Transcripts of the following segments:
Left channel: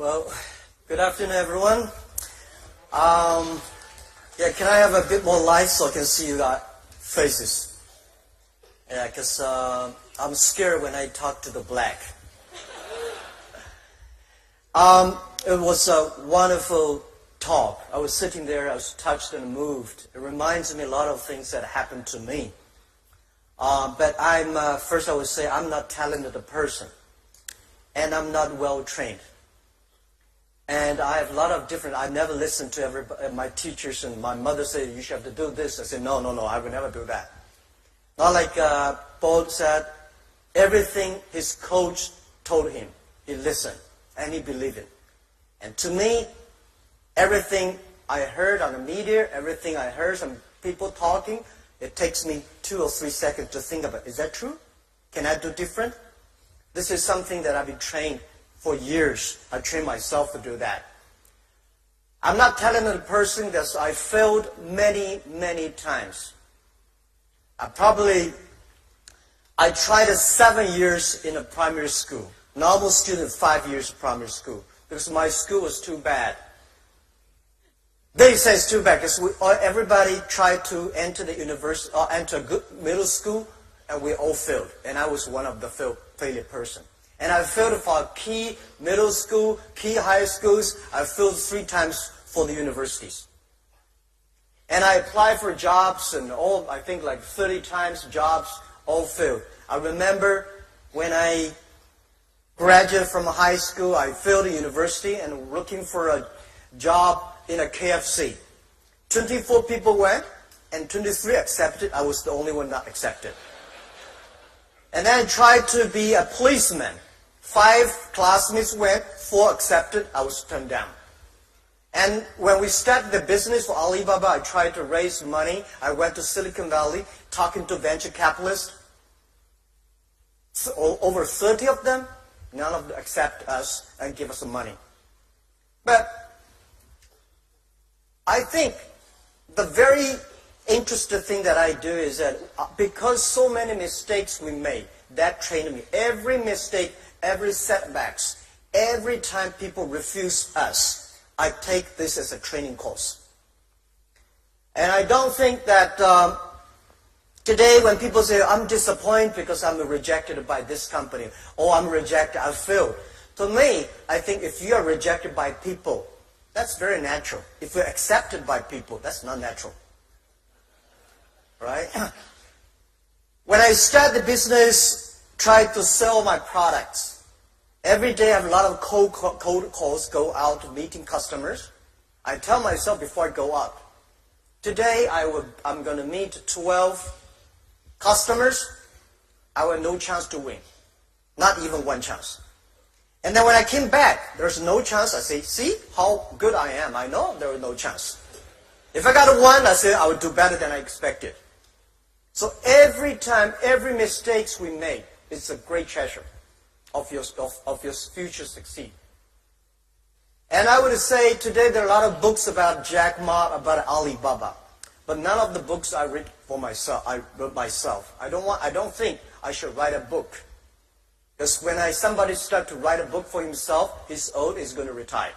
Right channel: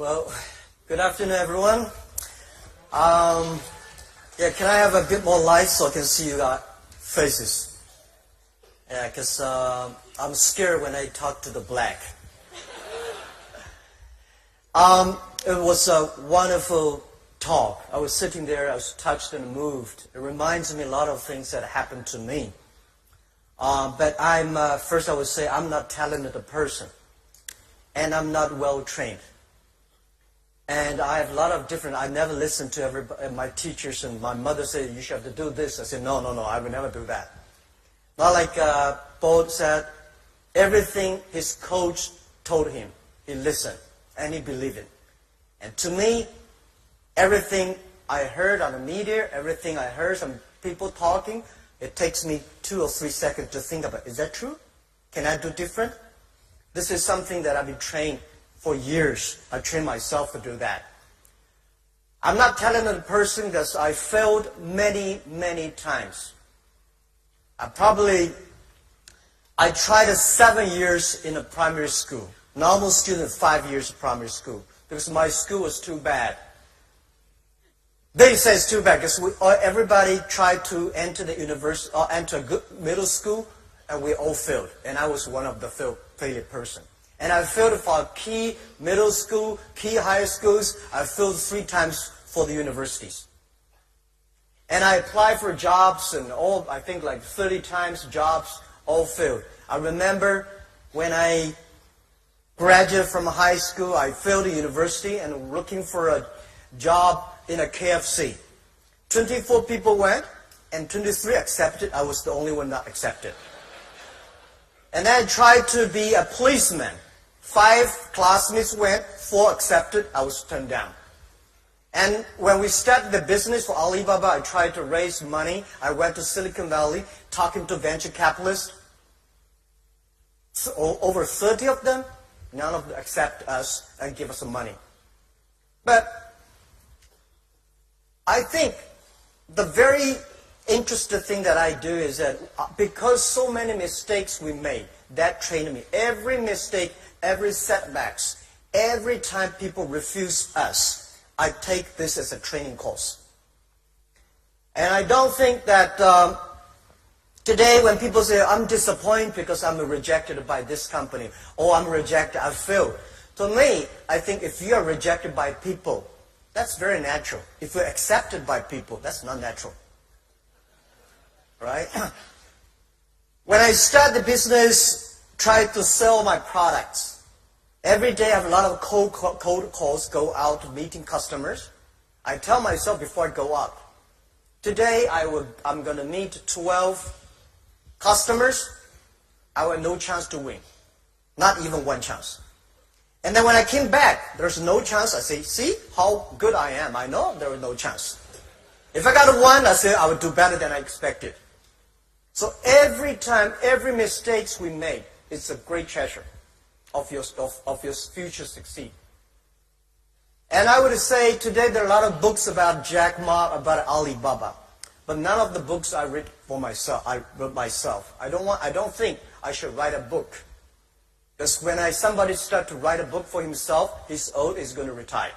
Well, good afternoon, everyone. Can I have a bit more light so I can see you guys' faces? Yeah, because I'm scared when I talk to the black. It was a wonderful talk. I was sitting there, I was touched and moved. It reminds me a lot of things that happened to me. But first I would say I'm not talented a person. And I'm not well trained. And I have a lot of I never listened to my teachers, and my mother said, you should have to do this. I said, no, I would never do that. Not like Paul said, everything his coach told him, he listened, and he believed it. And to me, everything I heard on the media, everything I heard from people talking, it takes me 2 or 3 seconds to think about, is that true? Can I do different? This is something that I've been trained for years. I trained myself to do that. I'm not a talented person because I failed many, many times. I tried 7 years in a primary school. Normal student, 5 years primary school. Because my school was too bad. They say it's too bad because everybody tried to enter the university or enter a good middle school, and we all failed. And I was one of the failure person. And I failed for key middle school, key high schools. I failed 3 times for the universities. And I applied for jobs and I think like 30 times jobs, all failed. I remember when I graduated from high school, I failed the university and looking for a job in a KFC. 24 people went and 23 accepted. I was the only one not accepted. And then I tried to be a policeman. 5 classmates went, 4 accepted, I was turned down. And when we started the business for Alibaba, I tried to raise money. I went to Silicon Valley, talking to venture capitalists. So, over 30 of them, none of them accept us and give us some money. But I think the very interesting thing that I do is that because so many mistakes we made, that trained me. Every mistake, every setbacks, every time people refuse us, I take this as a training course. And I don't think that today when people say, I'm disappointed because I'm rejected by this company, or I'm rejected, I failed. To me, I think if you are rejected by people, that's very natural. If you're accepted by people, that's not natural. Right? When I started the business, tried to sell my products. Every day I have a lot of cold calls, go out meeting customers. I tell myself before I go out, today I'm going to meet 12 customers. I have no chance to win. Not even 1 chance. And then when I came back, there's no chance. I say, see how good I am. I know there was no chance. If I got a 1, I say I would do better than I expected. So every time, every mistakes we make, it's a great treasure of your future succeed. And I would say today there are a lot of books about Jack Ma, about Alibaba, but none of the books I read for myself. I wrote myself. I don't think I should write a book, because when somebody start to write a book for himself, he's old, he's going to retire.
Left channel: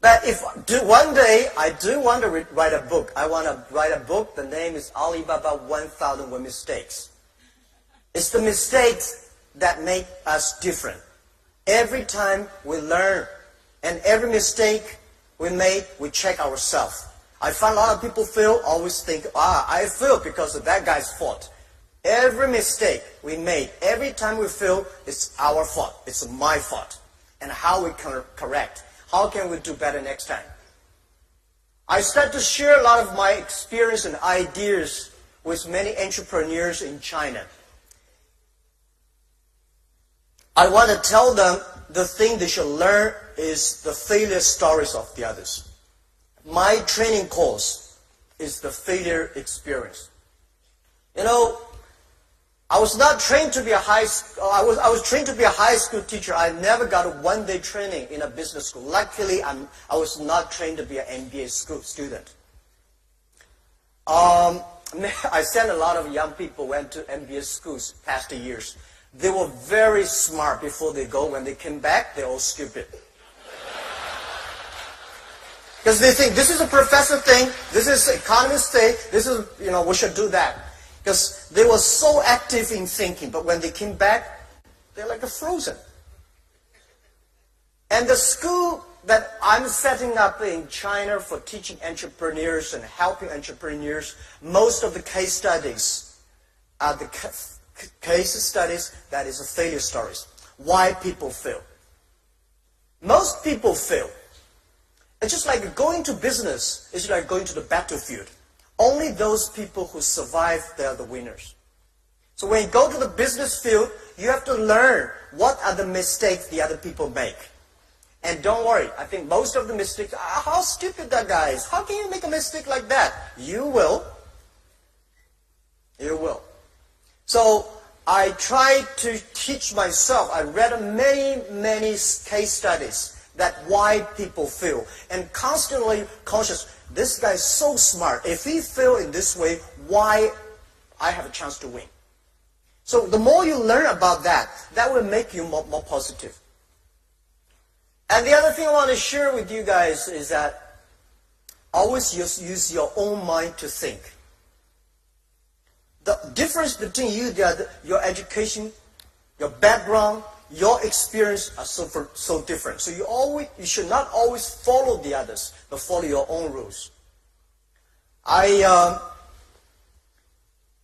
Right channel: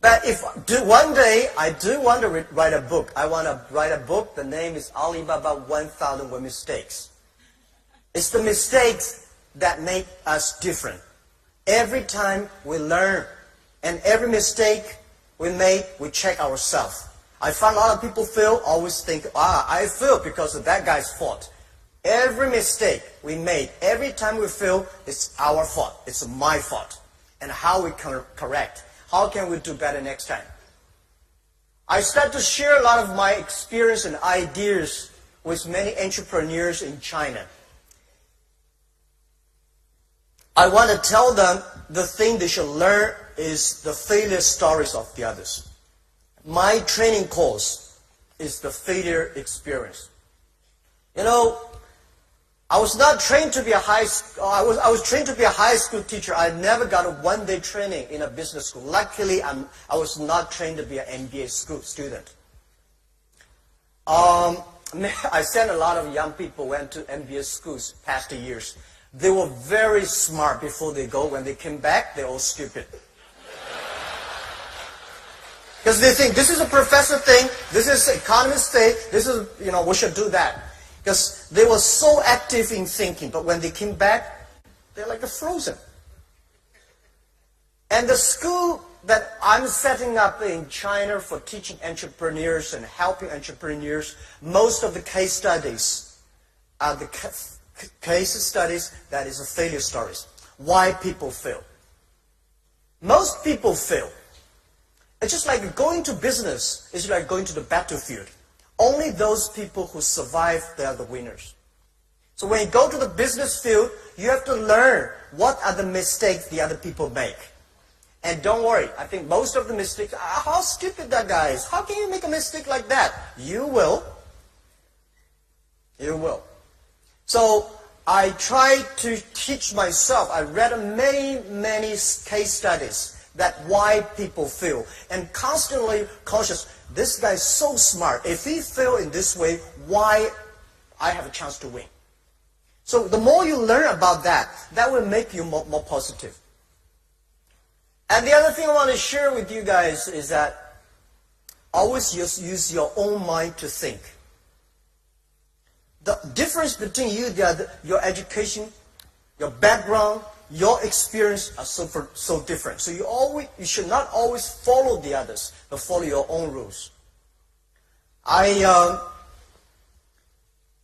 But if one day I do want to write a book, I want to write a book. The name is Alibaba 1001 Mistakes. It's the mistakes that make us different. Every time we learn, and every mistake we make, we check ourselves. I find a lot of people fail, always think, I failed because of that guy's fault. Every mistake we made, every time we fail, it's our fault. It's my fault. And how we can correct. How can we do better next time? I start to share a lot of my experience and ideas with many entrepreneurs in China. I want to tell them the thing they should learn is the failure stories of the others. My training course is the failure experience. You know, I was not trained to be a I was trained to be a high school teacher. I never got a 1-day training in a business school. Luckily, I was not trained to be an MBA school student. I sent a lot of young people went to MBA schools past years. They were very smart before they go. When they came back, they're all stupid. Because they think, this is a professor thing, this is economist thing, this is, we should do that. Because they were so active in thinking, but when they came back, they're like frozen. And the school that I'm setting up in China for teaching entrepreneurs and helping entrepreneurs, most of the case studies are the case studies that is failure stories. Why people fail. Most people fail. It's just like going to business. It's like going to the battlefield. Only those people who survive, they are the winners. So when you go to the business field, you have to learn what are the mistakes the other people make. And don't worry, I think most of the mistakes, how stupid that guy is. How can you make a mistake like that? You will. You will. So I try to teach myself. I read many case studies that why people fail. And constantly conscious, this guy is so smart. If he fail in this way, why I have a chance to win? So the more you learn about that, that will make you more positive. And the other thing I want to share with you guys is that always use your own mind to think. The difference between you, your education, your background, your experience are so different. So you should not always follow the others, but follow your own rules.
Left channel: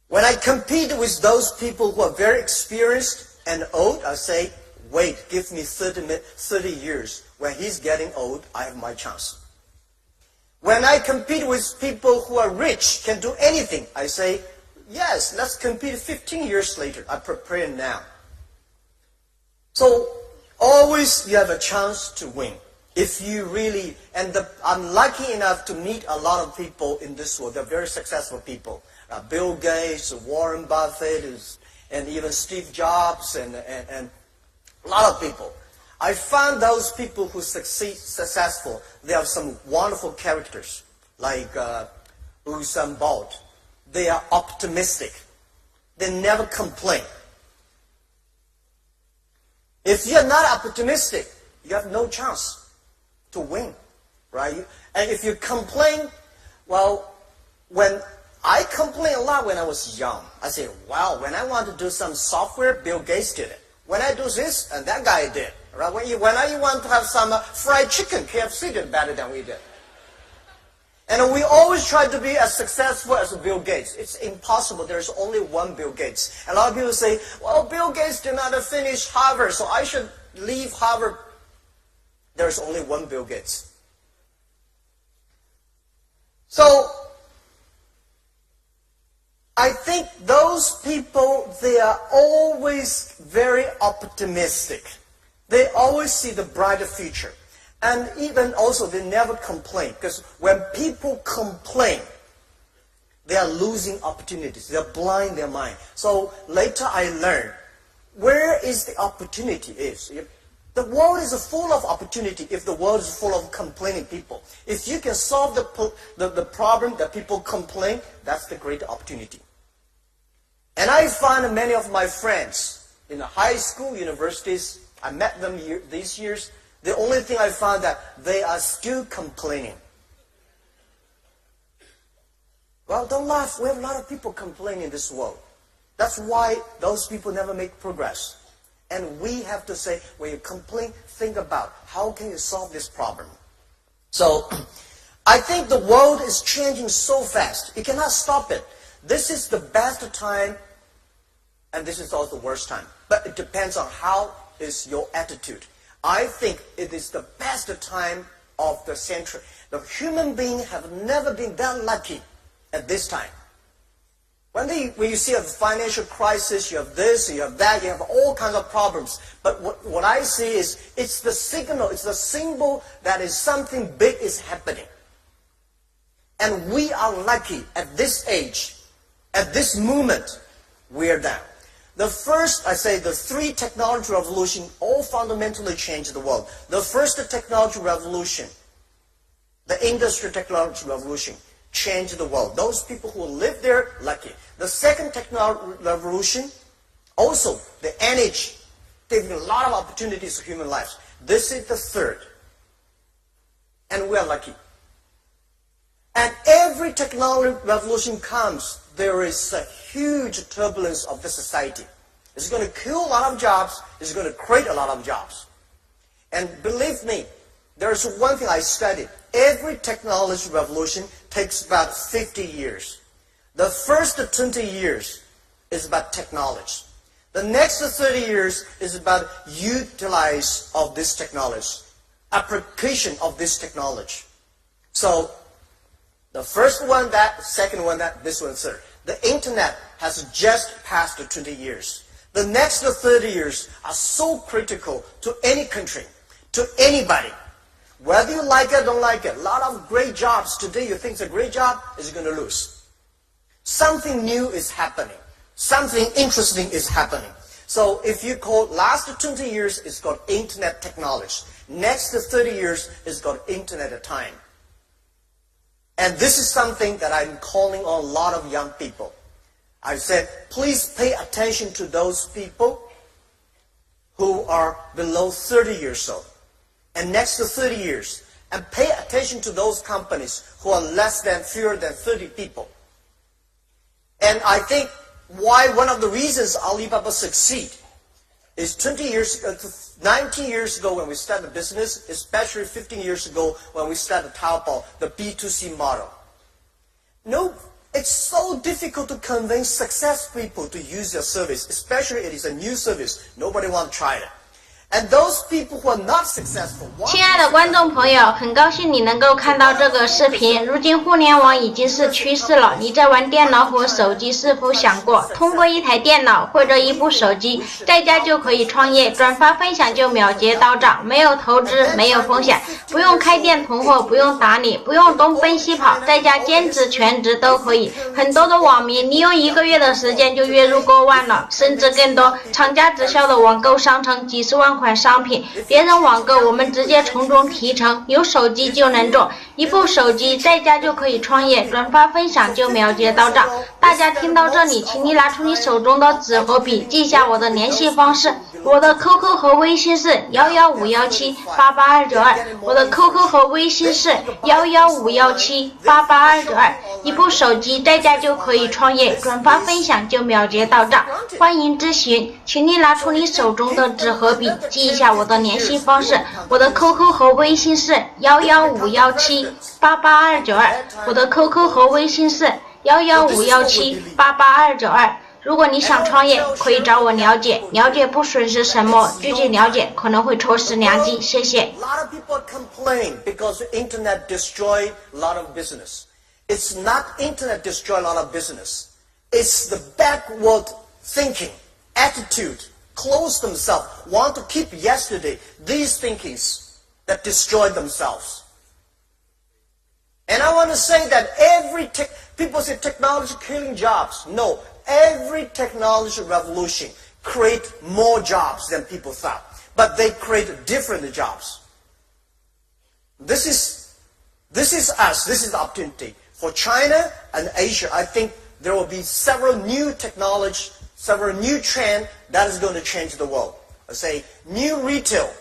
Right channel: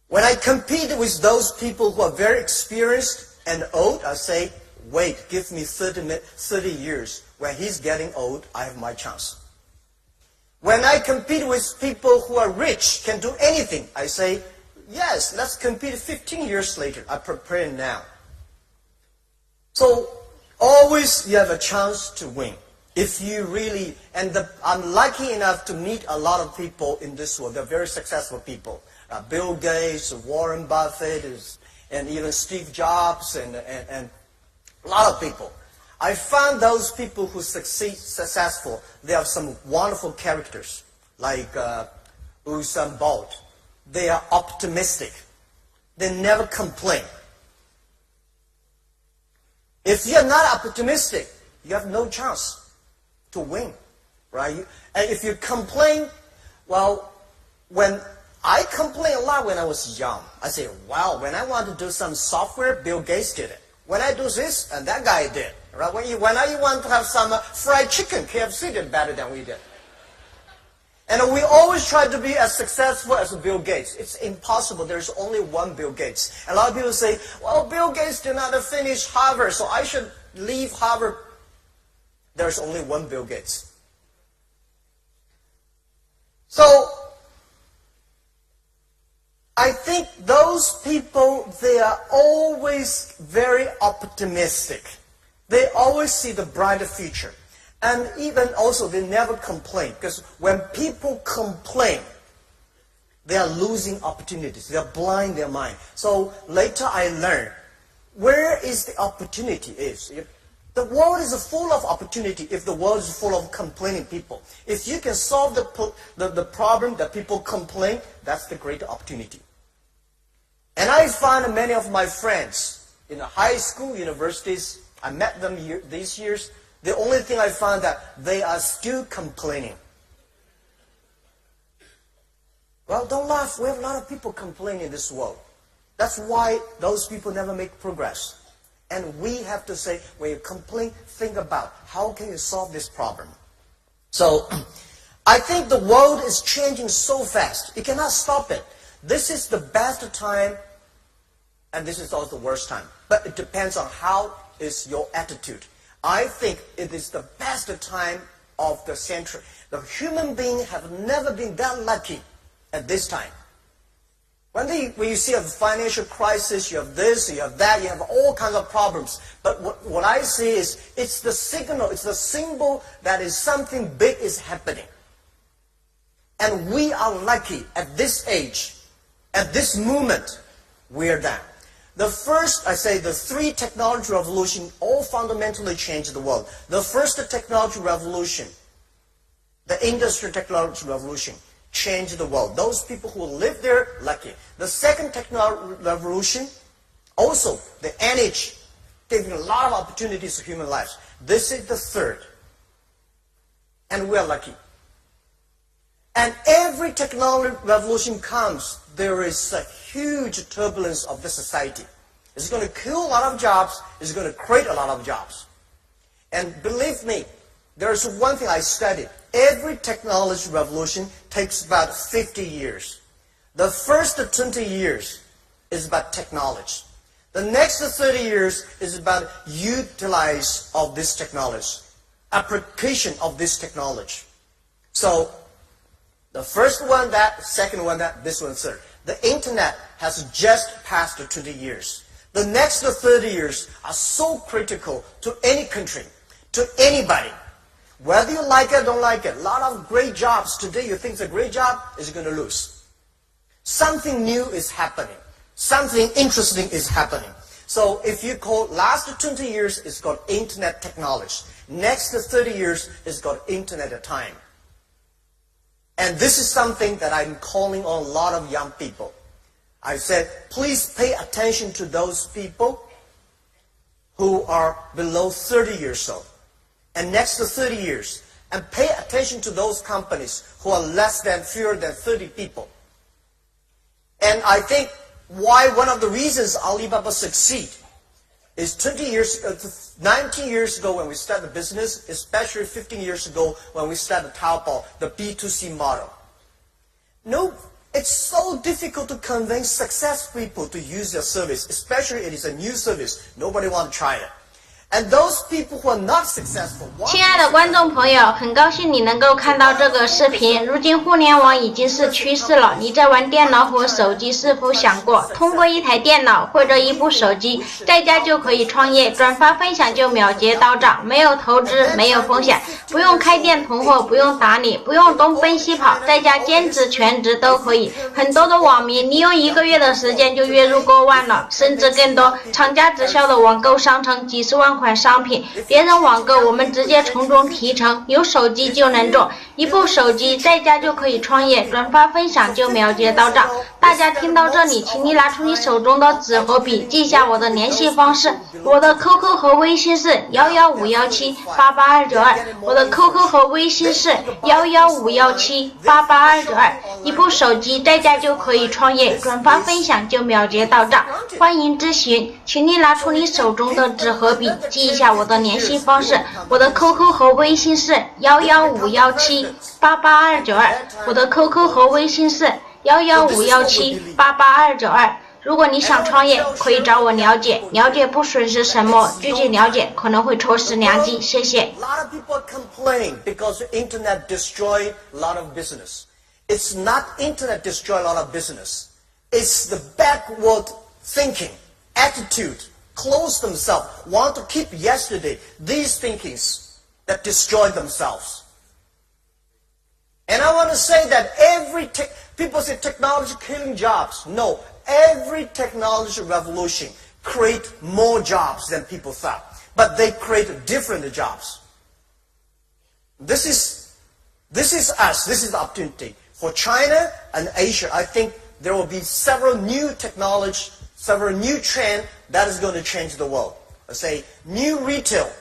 When I compete with those people who are very experienced and old, I say, wait, give me 30 years. When he's getting old, I have my chance. When I compete with people who are rich, can do anything, I say, yes, let's compete 15 years later. I prepare now. So always you have a chance to win. If you really, I'm lucky enough to meet a lot of people in this world. They're very successful people. Bill Gates, Warren Buffett, and even Steve Jobs, and a lot of people. I found those people who successful, they have some wonderful characters, like Usain Bolt. They are optimistic. They never complain. If you're not optimistic, you have no chance to win, right? And if you complain, well, when I complained a lot when I was young. I say, wow, when I want to do some software, Bill Gates did it. When I do this, and that guy did. Right? When I want to have some fried chicken, KFC did better than we did. And we always try to be as successful as Bill Gates. It's impossible. There's only one Bill Gates. A lot of people say, well, Bill Gates did not finish Harvard, so I should leave Harvard. There's only one Bill Gates. So I think those people, they are always very optimistic. They always see the brighter future. And even also, they never complain. Because when people complain, they are losing opportunities. They are blind their mind. So later I learned, where is the opportunity is? The world is full of opportunity if the world is full of complaining people. If you can solve the problem that people complain, that's the great opportunity. And I find many of my friends in the high school, universities, I met them these years, the only thing I found that they are still complaining. Well, don't laugh. We have a lot of people complaining in this world. That's why those people never make progress. And we have to say, when you complain, think about how can you solve this problem. So I think the world is changing so fast. You cannot stop it. This is the best time, and this is also the worst time. But it depends on how is your attitude. I think it is the best time of the century. The human beings have never been that lucky at this time. When you see a financial crisis, you have this, you have that, you have all kinds of problems. But what I see is, it's the signal, it's the symbol that is something big is happening. And we are lucky at this age, at this moment, we are there. The first, I say, the three technology revolution all fundamentally changed the world. The first technology revolution, the industrial technology revolution, changed the world. Those people who live there, lucky. The second technology revolution, Also, the NH giving a lot of opportunities to human lives. This is the third. And we're lucky. And every technology revolution comes, there is a huge turbulence of the society. It's going to kill a lot of jobs. It's going to create a lot of jobs. And believe me, there's one thing I studied. Every technology revolution takes about 50 years. The first 20 years is about technology. The next 30 years is about utilize of this technology, application of this technology. So the first one, that, second one, that, this one, third. The internet has just passed 20 years. The next 30 years are so critical to any country, to anybody. Whether you like it or don't like it, a lot of great jobs today you think is a great job is going to lose. Something new is happening. Something interesting is happening. So if you call last 20 years, it's called internet technology. Next 30 years is called internet time. And this is something that I'm calling on a lot of young people. I said, please pay attention to those people who are below 30 years old. And next to 30 years. And pay attention to those companies who are fewer than 30 people. And I think why one of the reasons Alibaba succeed is 19 years ago when we started the business, especially 15 years ago when we started Taobao, the B2C model. No, it's so difficult to convince successful people to use your service, especially it is a new service. Nobody wants to try it. And those people who are not successful. 亲爱的观众朋友，很高兴你能够看到这个视频。如今互联网已经是趋势了，你在玩电脑和手机是否想过，通过一台电脑或者一部手机，在家就可以创业，转发分享就秒结到账，没有投资，没有风险，不用开店囤货，不用打理，不用东奔西跑，在家兼职全职都可以。很多的网民利用1个月的时间就月入过万了，甚至更多。厂家直销的网购商城几十万款商品，别人网购我们直接从中提成，有手机就能做，一部手机在家就可以创业，转发分享就秒结到账。大家听到这里，请你拿出你手中的纸和笔，记下我的联系方式。我的 QQ 和微信是11517882292，我的 QQ 和微信是11517882292。一部手机在家就可以创业，转发分享就秒结到账。欢迎咨询，请你拿出你手中的纸和笔，记一下我的联系方式。我的 QQ 和微信是11517882292，我的 QQ 和微信是11517882292。如果你想创业，可以找我了解，了解不损失什么，具体了解可能会错失良机。谢谢。A lot of people complain because the internet destroy a lot of business. It's not internet destroy a lot of business. It's the backward thinking, attitude, close themselves, want to keep yesterday, these thinkings that destroy themselves. And I want to say that people say technology killing jobs. No, every technology revolution create more jobs than people thought. But they create different jobs. This is us. This is the opportunity. For China and Asia, I think there will be several new technology, several new trends that is going to change the world. I say new retail,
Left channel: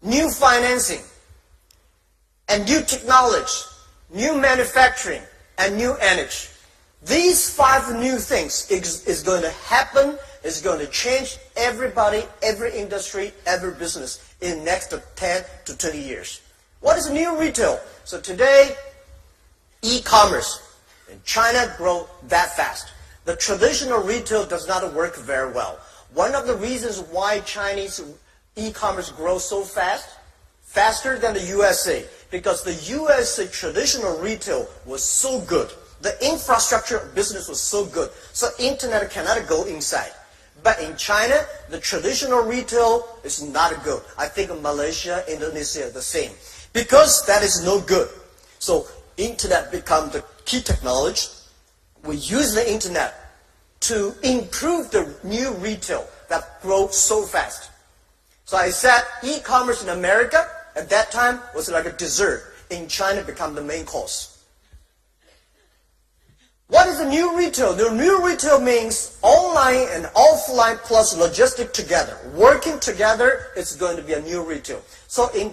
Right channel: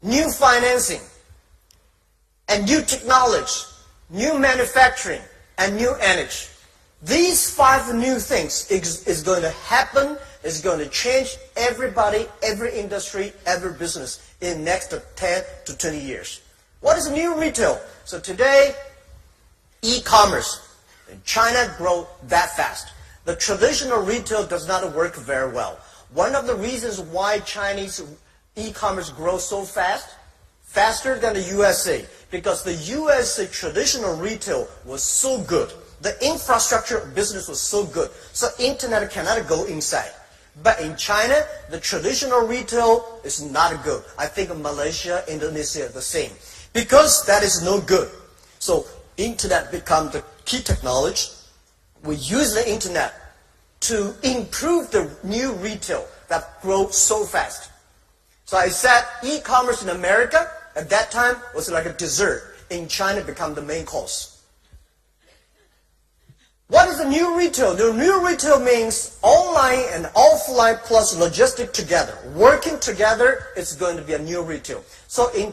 new financing, and new technology, new manufacturing, and new energy. These 5 new things is going to happen, is going to change everybody, every industry, every business in the next 10 to 20 years. What is new retail? So today, e-commerce in China grow that fast. The traditional retail does not work very well. One of the reasons why Chinese e-commerce grows so fast, faster than the USA, because the USA traditional retail was so good. The infrastructure of business was so good, so internet cannot go inside. But in China, the traditional retail is not good. I think Malaysia, Indonesia are the same. Because that is no good. So internet becomes the key technology. We use the internet to improve the new retail that grows so fast. So I said e-commerce in America at that time was like a dessert. In China, become the main course. What is the new retail? The new retail means online and offline plus logistic together. Working together, it's going to be a new retail. So in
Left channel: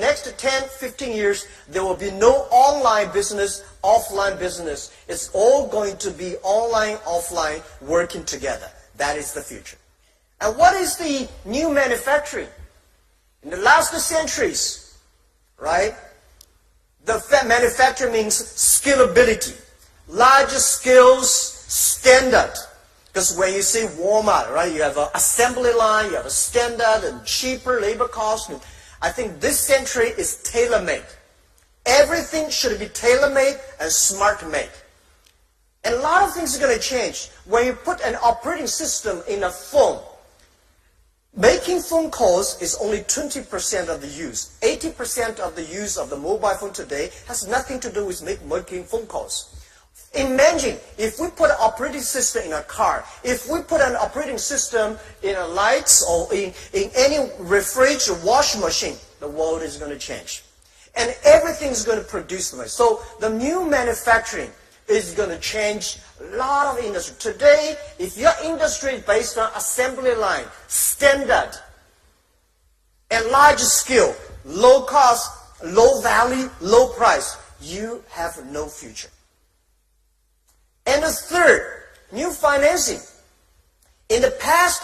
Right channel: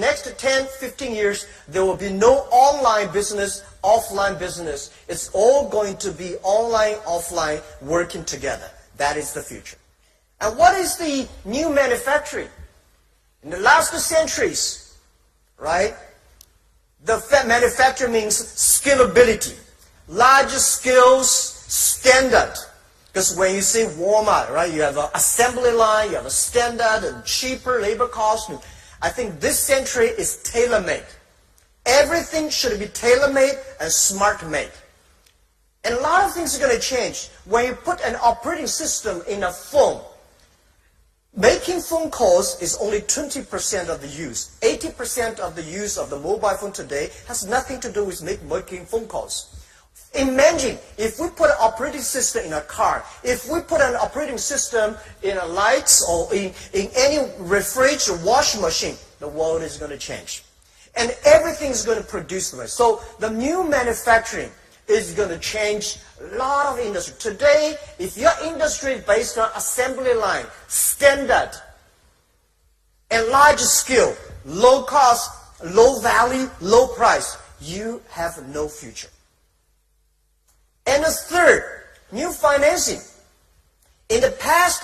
next 10, 15 years, there will be no online business, offline business. It's all going to be online, offline, working together. That is the future. And what is the new manufacturing? In the last centuries, right? The manufacturing means scalability. Large scales, standard. Because when you say Walmart, right, you have an assembly line, you have a standard and cheaper labor cost. And I think this century is tailor-made. Everything should be tailor-made and smart-made. And a lot of things are going to change. When you put an operating system in a phone, making phone calls is only 20% of the use. 80% of the use of the mobile phone today has nothing to do with making phone calls. Imagine if we put an operating system in a car, if we put an operating system in a lights or in any refrigerator, washing machine, the world is going to change. And everything is going to produce noise. So the new manufacturing is going to change a lot of industry. Today, if your industry is based on assembly line, standard, and large scale, low cost, low value, low price, you have no future. And the third, new financing. In the past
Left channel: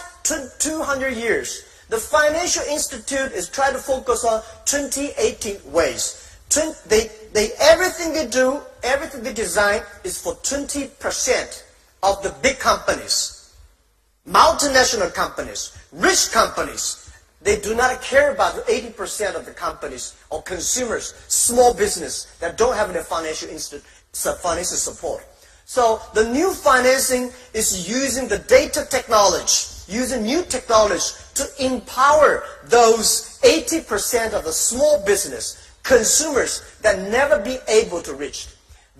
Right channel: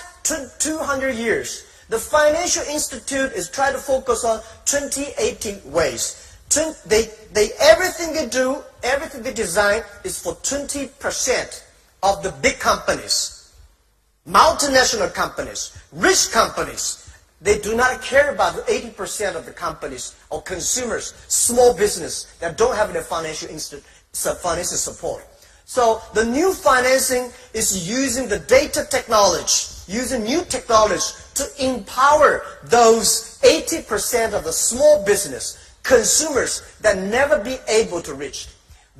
200 years, the financial institute is trying to focus on 2080 ways. Everything they do, everything they design is for 20% of the big companies, multinational companies, rich companies. They do not care about the 80% of the companies or consumers, small business that don't have the financial support. So the new financing is using the data technology, using new technology to empower those 80% of the small business, consumers that never be able to reach.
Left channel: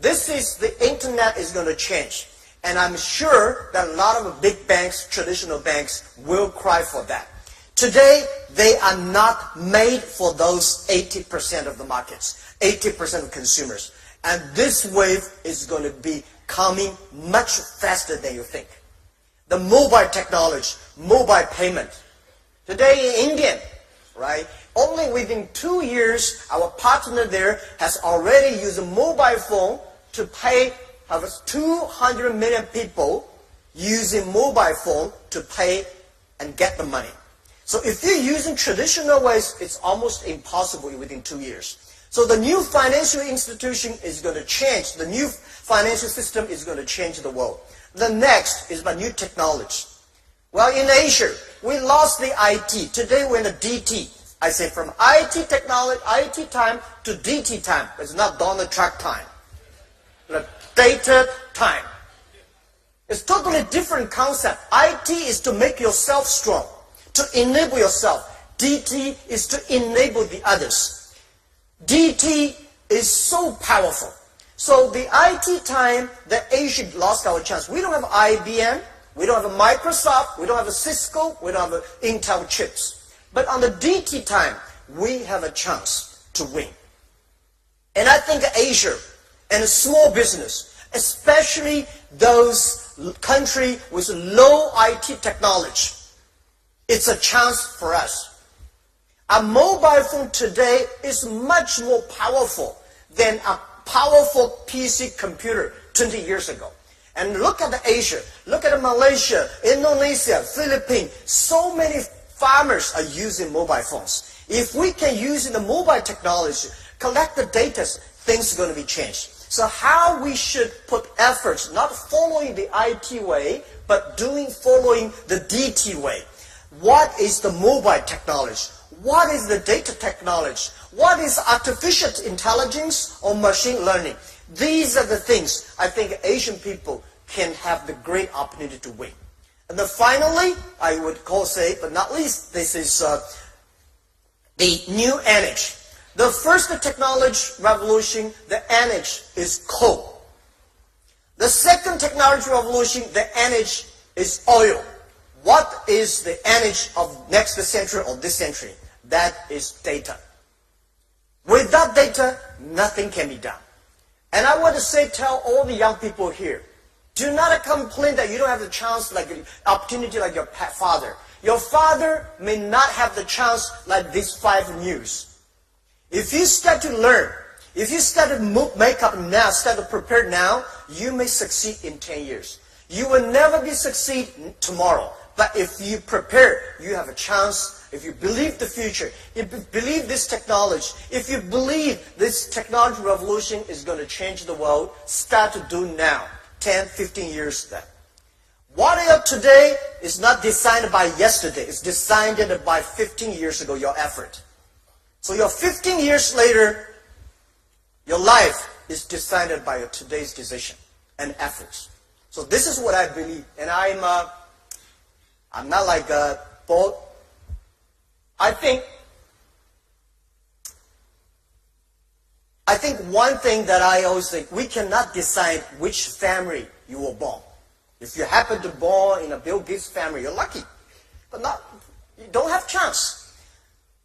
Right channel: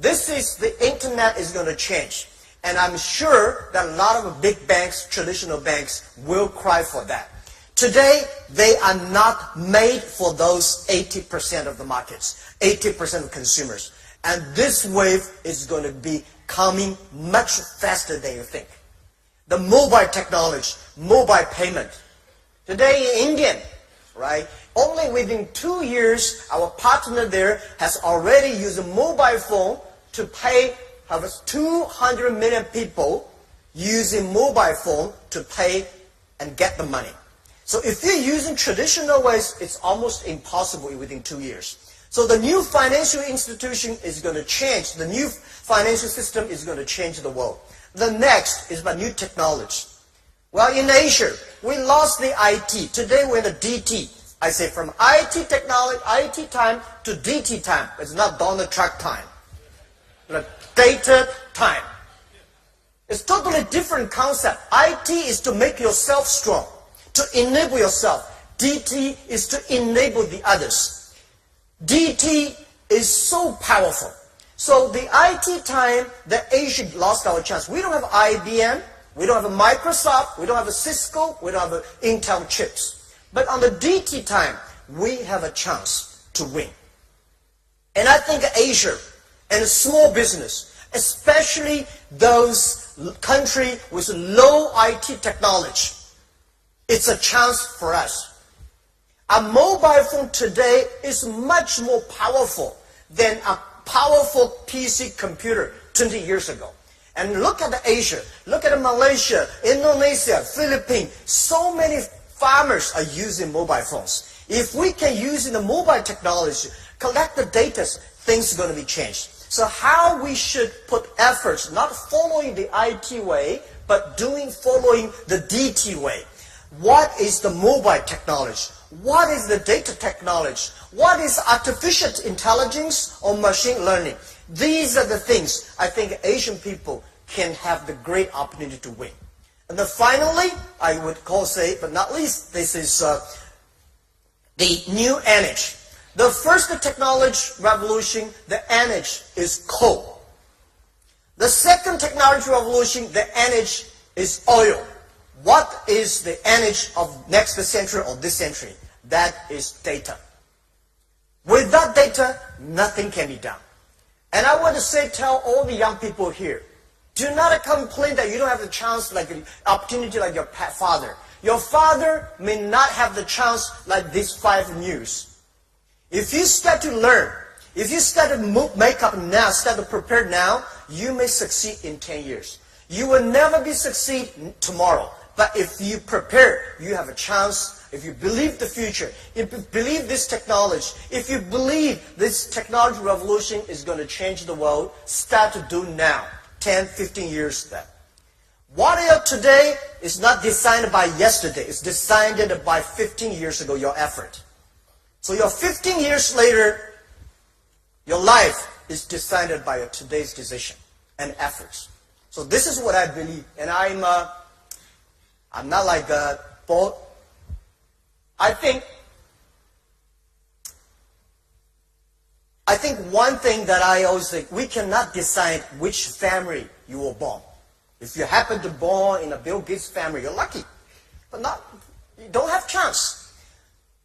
The internet is going to change. And I'm sure that a lot of big banks, traditional banks, will cry for that. Today, they are not made for those 80% of the markets, 80% of consumers. And this wave is going to be coming much faster than you think. The mobile technology, mobile payment. Today in India, right, only within 2 years, our partner there has already used a mobile phone to pay 200 million people using mobile phone to pay and get the money. So if you're using traditional ways, it's almost impossible within 2 years. So the new financial institution is going to change. The new financial system is going to change the world. The next is about new technology. Well, in Asia, we lost the IT. Today we're in the DT. I say from IT technology, IT time to DT time. It's not Donald Trump time. The data time. It's totally different concept. IT is to make yourself strong, to enable yourself. DT is to enable the others. DT is so powerful. So the IT time, the Asia lost our chance. We don't have IBM, we don't have a Microsoft, we don't have a Cisco, we don't have Intel chips. But on the DT time, we have a chance to win. And I think Asia and small business, especially those countries with low IT technology, it's a chance for us. A mobile phone today is much more powerful than a powerful PC computer 20 years ago. And look at Asia, look at Malaysia, Indonesia, Philippines. So many farmers are using mobile phones. If we can use the mobile technology, collect the data, things are going to be changed. So how we should put efforts, not following the IT way, but following the DT way. What is the mobile technology? What is the data technology? What is artificial intelligence or machine learning? These are the things I think Asian people can have the great opportunity to win. And then finally, I would say, but not least, this is the new energy. The first technology revolution, the energy is coal. The second technology revolution, the energy is oil. What is the energy of next century or this century? That is data. Without data, nothing can be done. And I want to tell all the young people here, Do not complain that you don't have the chance, like an opportunity like your father. Your father may not have the chance like these 5 years. If you start to learn, if you start to make up now, start to prepare now, you may succeed in 10 years. You will never be succeed tomorrow. But if you prepare, you have a chance. If you believe the future, if you believe this technology, if you believe this technology revolution is going to change the world, start to do now, 10, 15 years then. What you are today is not designed by yesterday. It's designed by 15 years ago, your effort. So your 15 years later, your life is decided by your today's decision and efforts. So this is what I believe. And I'm not like a bold. I think one thing that I always think, we cannot decide which family you were born. If you happen to be born in a Bill Gates family, you're lucky. But you don't have chance.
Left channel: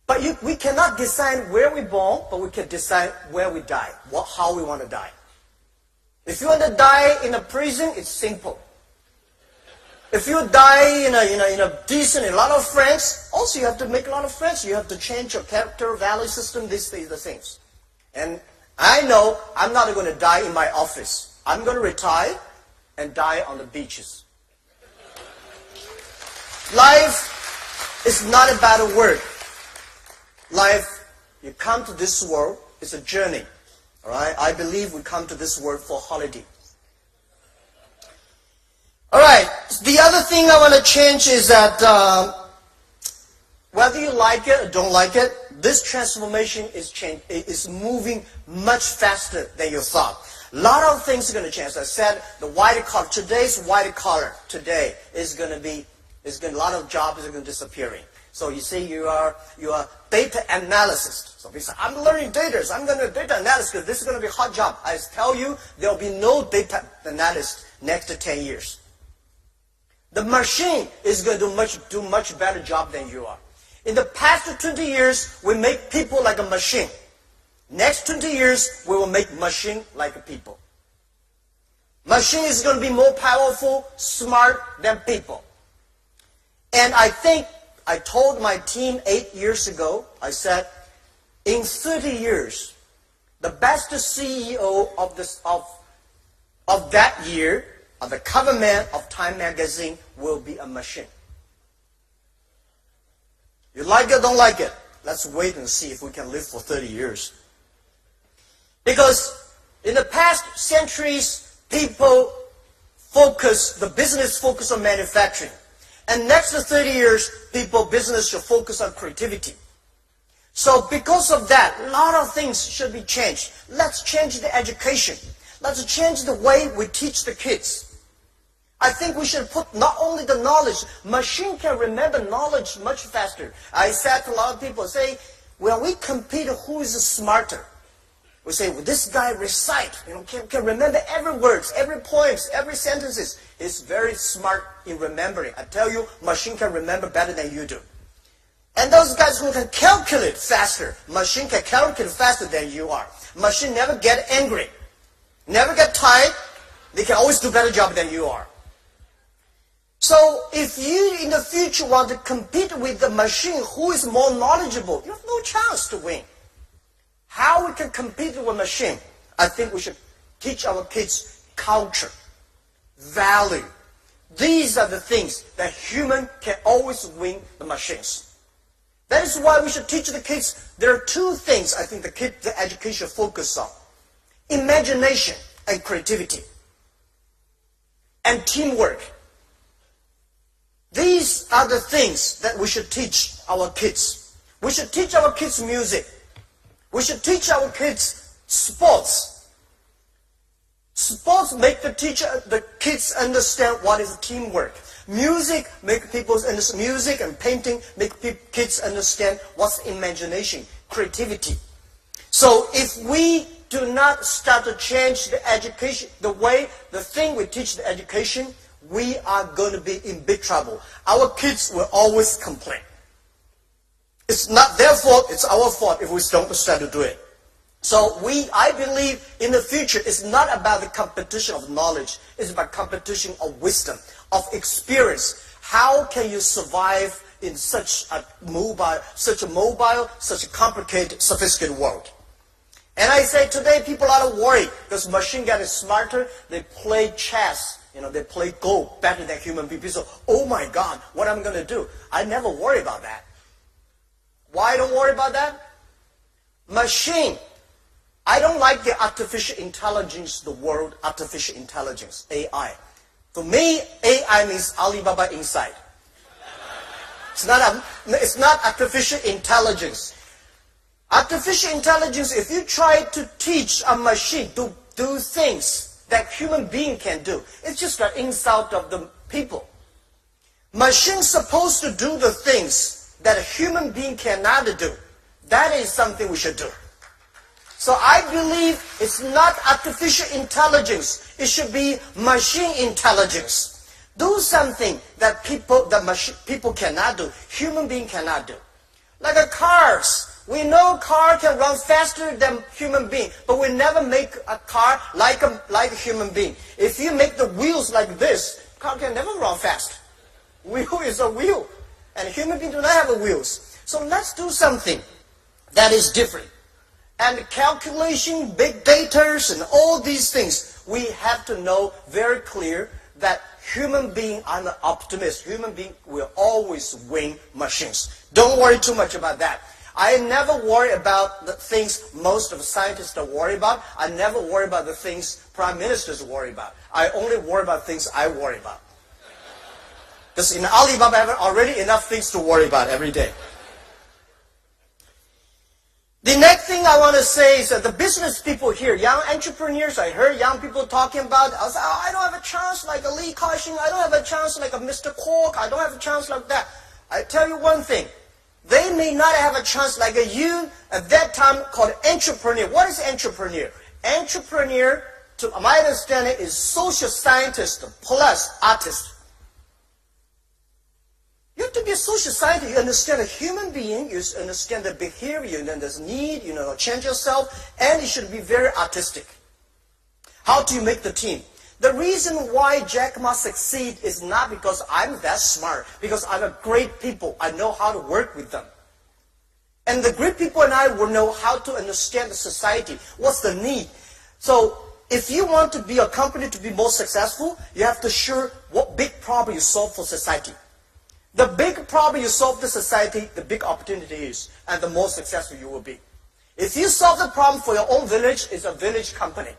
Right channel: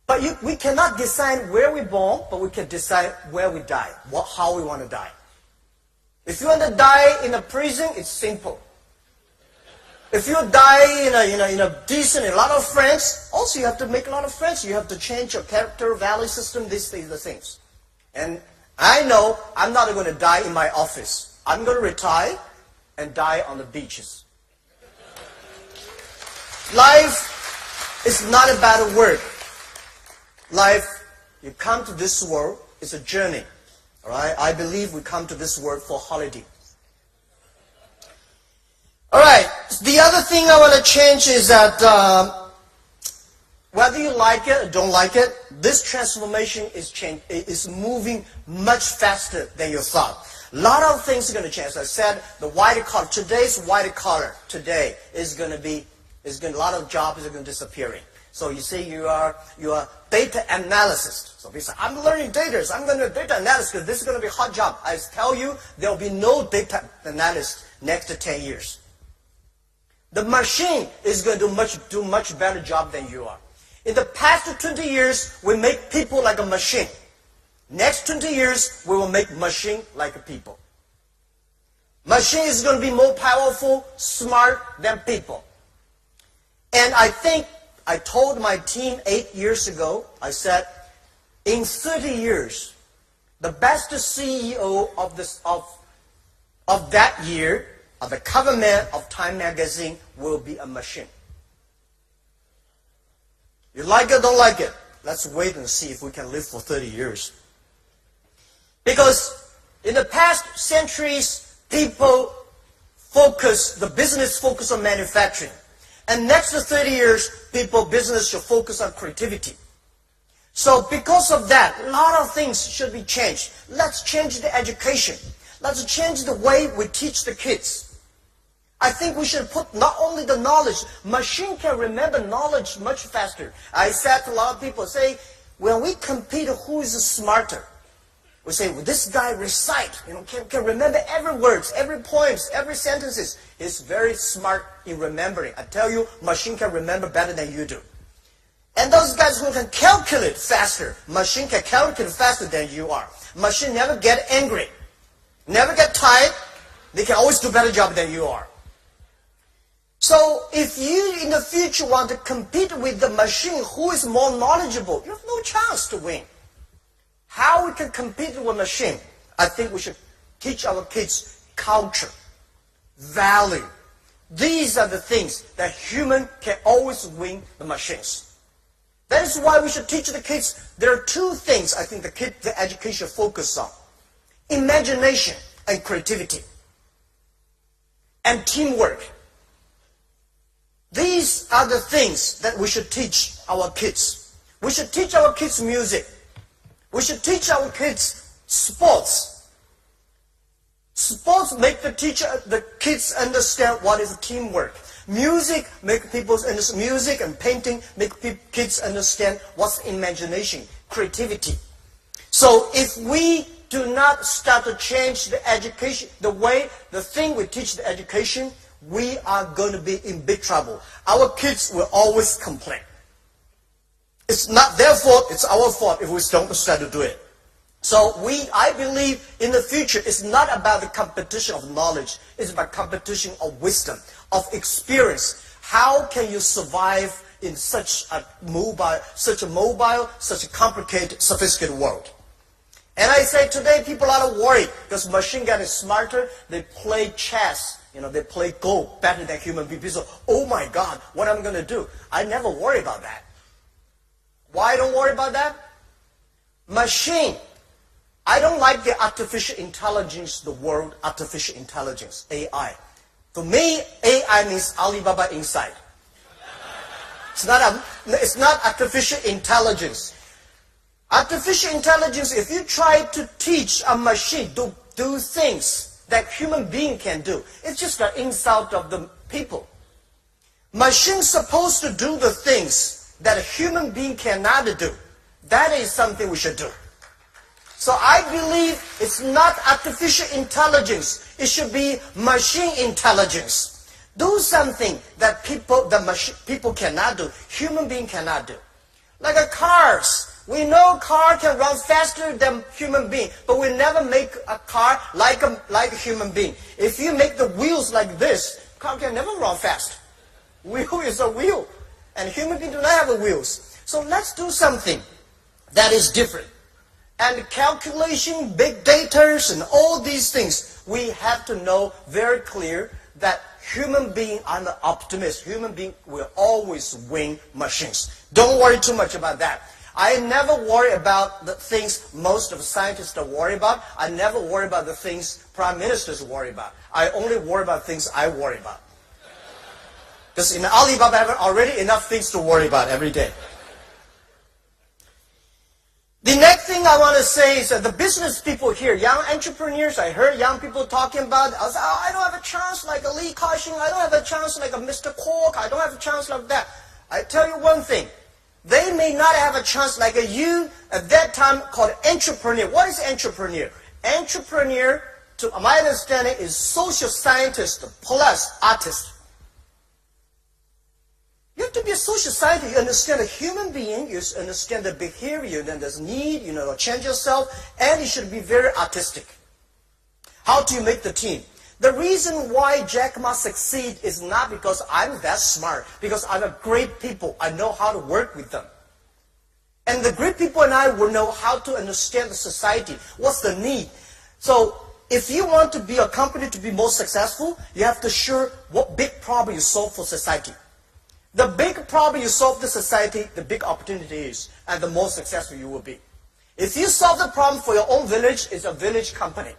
But we cannot decide where we're born, but we can decide where we die, how we want to die. If you want to die in a prison, it's simple. If you die in a decent, a lot of friends, also you have to make a lot of friends. You have to change your character, value system, these things, the things. And I know I'm not going to die in my office. I'm going to retire and die on the beaches. Life is not about work. Life, you come to this world, it's a journey. All right? I believe we come to this world for holiday. All right. The other thing I want to change is that whether you like it or don't like it, this transformation is moving much faster than you thought. A lot of things are going to change. As I said, the white collar, today's white collar today is going to be, a lot of jobs are going to disappearing. So you see, you are data analyst. So people say, I'm learning data. I'm going to data analysis because this is going to be a hot job. I tell you, there will be no data analyst next to 10 years. The machine is going to do much better job than you are. In the past 20 years, we make people like a machine. Next 20 years, we will make machine like people. Machine is going to be more powerful, smart than people. And I think I told my team 8 years ago, I said, in 30 years, the best CEO of that year, of the cover man of Time magazine, will be a machine. You like it, don't like it? Let's wait and see if we can live for 30 years. Because in the past centuries, people the business focus on manufacturing. And next 30 years, business should focus on creativity. So because of that, a lot of things should be changed. Let's change the education. Let's change the way we teach the kids. I think we should put not only the knowledge, machine can remember knowledge much faster. I said to a lot of people, say, when we compete who is smarter, we say, well, this guy recite, can remember every words, every poems, every sentences. He's very smart in remembering. I tell you, machine can remember better than you do. And those guys who can calculate faster, machine can calculate faster than you are. Machine never get angry, never get tired. They can always do a better job than you are. So if you in the future want to compete with the machine who is more knowledgeable, you have no chance to win. How we can compete with machine? I think we should teach our kids culture, value. These are the things that human can always win the machines. That is why we should teach the kids. There are two things I think the education focus on: imagination and creativity, and teamwork. These are the things that we should teach our kids. We should teach our kids music. We should teach our kids sports. Sports make the kids understand what is teamwork. Music make people understand. Music and painting make kids understand what's imagination, creativity. So if we do not start to change the education, the thing we teach the education, we are going to be in big trouble. Our kids will always complain. It's not their fault, it's our fault if we don't start to do it. So I believe in the future, it's not about the competition of knowledge. It's about competition of wisdom, of experience. How can you survive in such a mobile, such a complicated, sophisticated world? And I say today people are worried because machine getting smarter. They play chess, they play Go better than human beings. So, oh my God, what am I going to do? I never worry about that. Why I don't worry about that? Machine. I don't like the artificial intelligence, the word artificial intelligence, AI. For me, AI means Alibaba inside. It's not artificial intelligence. Artificial intelligence, if you try to teach a machine to do things that human being can do, it's just an insult of the people. Machine's supposed to do the things that a human being cannot do. That is something we should do. So I believe it's not artificial intelligence. It should be machine intelligence. Do something that people cannot do, human being cannot do. Like cars. We know car can run faster than human being, but we never make a car like a human being. If you make the wheels like this, car can never run fast. Wheel is a wheel, and human beings do not have wheels. So let's do something that is different. And calculation, big data, and all these things, we have to know very clear that human being, I'm an optimist, human being will always win machines. Don't worry too much about that. I never worry about the things most of the scientists are worried about. I never worry about the things prime ministers worry about. I only worry about things I worry about. Because in Alibaba, I have already enough things to worry about every day. The next thing I want to say is that the business people here, young entrepreneurs, I heard young people talking about, I was like, I don't have a chance like a Lee Ka-shing, I don't have a chance like a Mr. Kwok, I don't have a chance like that. I tell you one thing, they may not have a chance like you at that time called entrepreneur. What is entrepreneur? Entrepreneur, to my understanding, is social scientist plus artist. You have to be a social scientist. You understand a human being. You understand the behavior. Then there's need, change yourself. And you should be very artistic. How do you make the team? The reason why Jack Ma succeed is not because I'm that smart. Because I'm a great people. I know how to work with them. And the great people and I will know how to understand the society. What's the need? So if you want to be a company to be more successful, you have to sure what big problem you solve for society. The big problem you solve the society, the big opportunity is, and the more successful you will be. If you solve the problem for your own village, it's a village company.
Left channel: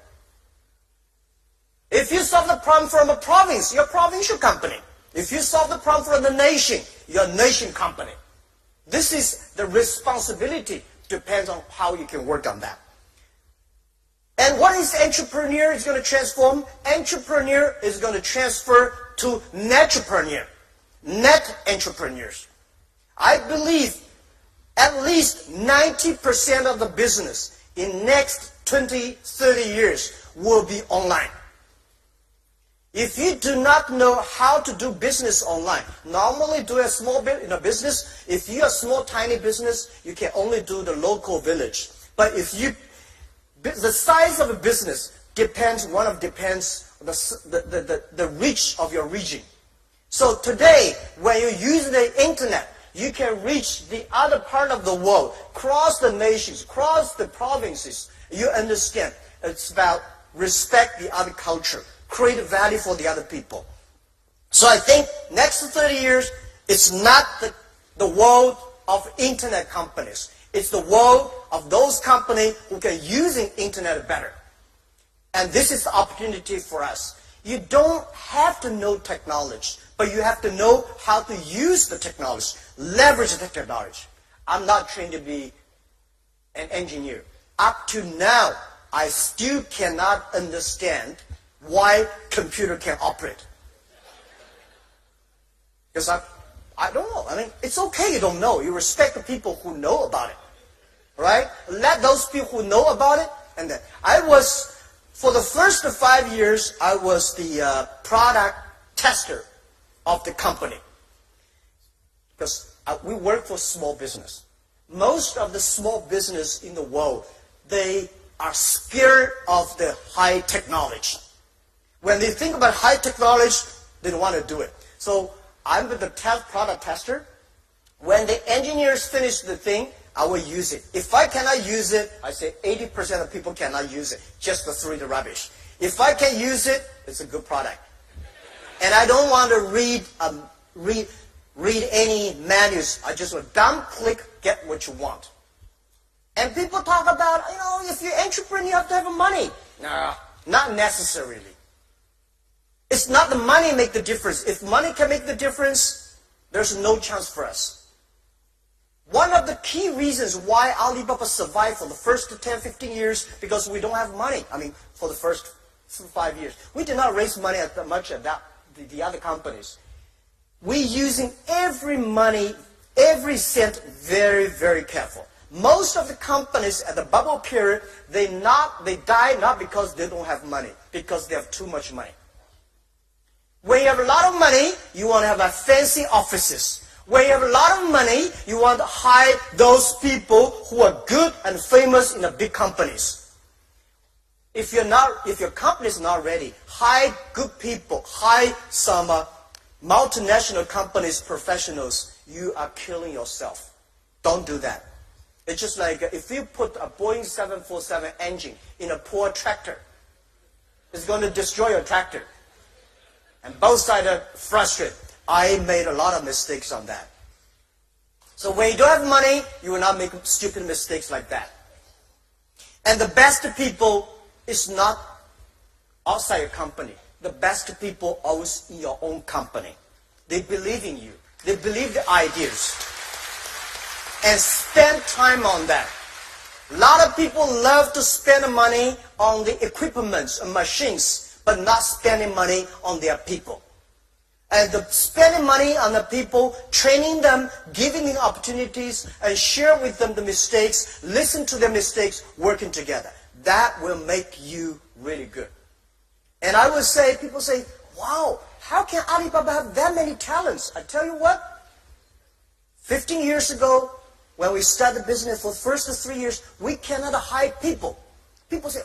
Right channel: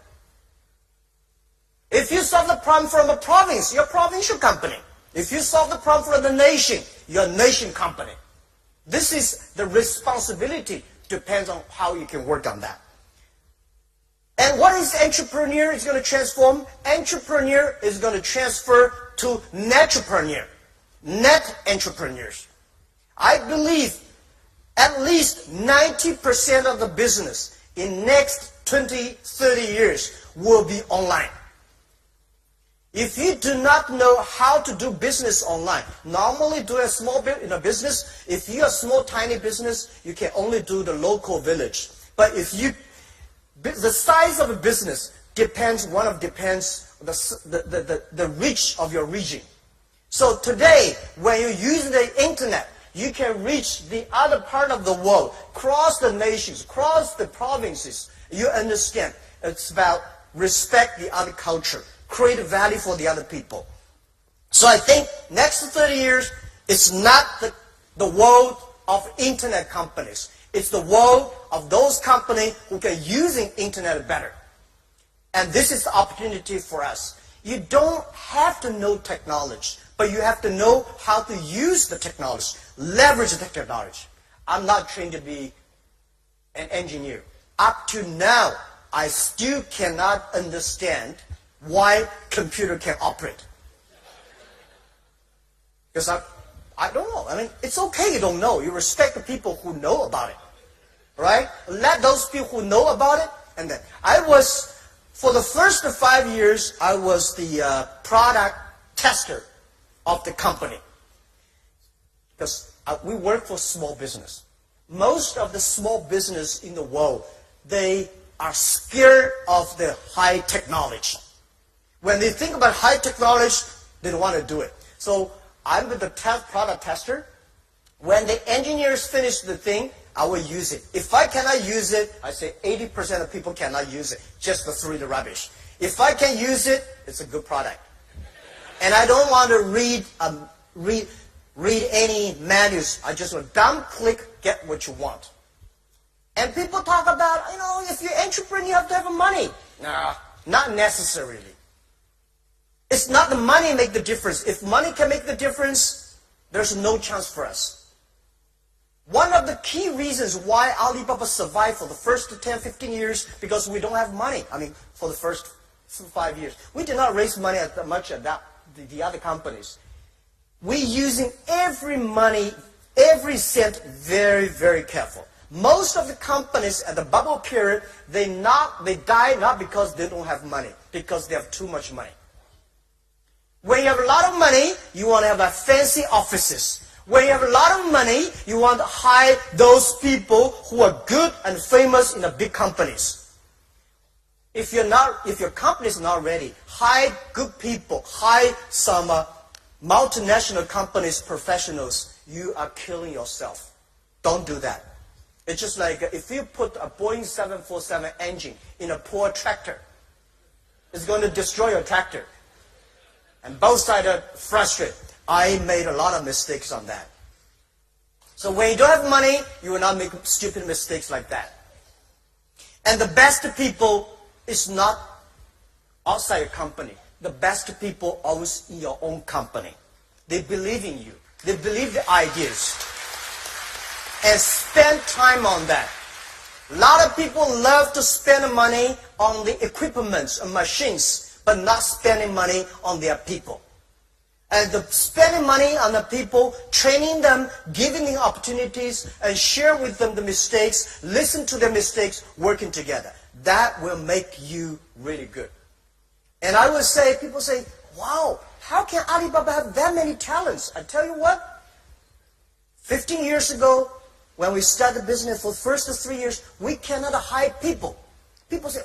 If you solve the problem from a province, you're a provincial company. If you solve the problem for the nation, you're a nation company. This is the responsibility, depends on how you can work on that. And what is entrepreneur is going to transform? Entrepreneur is going to transfer to netrepreneur. Net entrepreneurs. I believe at least 90% of the business in next 20, 30 years will be online. If you do not know how to do business online, normally do a small business. If you're a small, tiny business, you can only do the local village. But the size of a business depends the reach of your region. So today, when you use the internet, you can reach the other part of the world, cross the nations, cross the provinces. You understand. It's about respect the other culture, create value for the other people. So I think next 30 years, it's not the world of internet companies. It's the world of those companies who can use the internet better. And this is the opportunity for us. You don't have to know technology, but you have to know how to use the technology, leverage the technology. I'm not trained to be an engineer. Up to now, I still cannot understand why computer can operate. Because I don't know. I mean, it's okay you don't know. You respect the people who know about it. Right? Let those people who know about it. And then for the first 5 years, I was the product tester of the company. Because we work for small business. Most of the small business in the world, they are scared of the high technology. When they think about high technology, they don't want to do it. So I'm the product tester. When the engineers finish the thing, I will use it. If I cannot use it, I say 80% of people cannot use it, just to throw the rubbish. If I can use it, it's a good product. And I don't want to read any manuals. I just want dumb click, get what you want. And people talk about, if you're an entrepreneur, you have to have money. No, not necessarily. It's not the money make the difference. If money can make the difference, there's no chance for us. One of the key reasons why Alibaba survived for the first 10, 15 years, because we don't have money. For the first 5 years. We did not raise money as much as the other companies. We're using every money, every cent very, very careful. Most of the companies at the bubble period, they die not because they don't have money, because they have too much money. When you have a lot of money, you want to have fancy offices. When you have a lot of money, you want to hire those people who are good and famous in the big companies. If your company is not ready, hire good people, hire some multinational companies, professionals. You are killing yourself. Don't do that. It's just like if you put a Boeing 747 engine in a poor tractor, it's going to destroy your tractor. And both sides are frustrated. I made a lot of mistakes on that. So when you don't have money, you will not make stupid mistakes like that. And the best people is not outside your company. The best people are always in your own company. They believe in you. They believe the ideas. And spend time on that. A lot of people love to spend money on the equipment and machines, but not spending money on their people. And spending money on the people, training them, giving them opportunities, and share with them the mistakes, listen to their mistakes, working together. That will make you really good. And I would say, people say, wow, how can Alibaba have that many talents? I tell you what, 15 years ago, when we started business for the first 3 years, we cannot hire people. People say,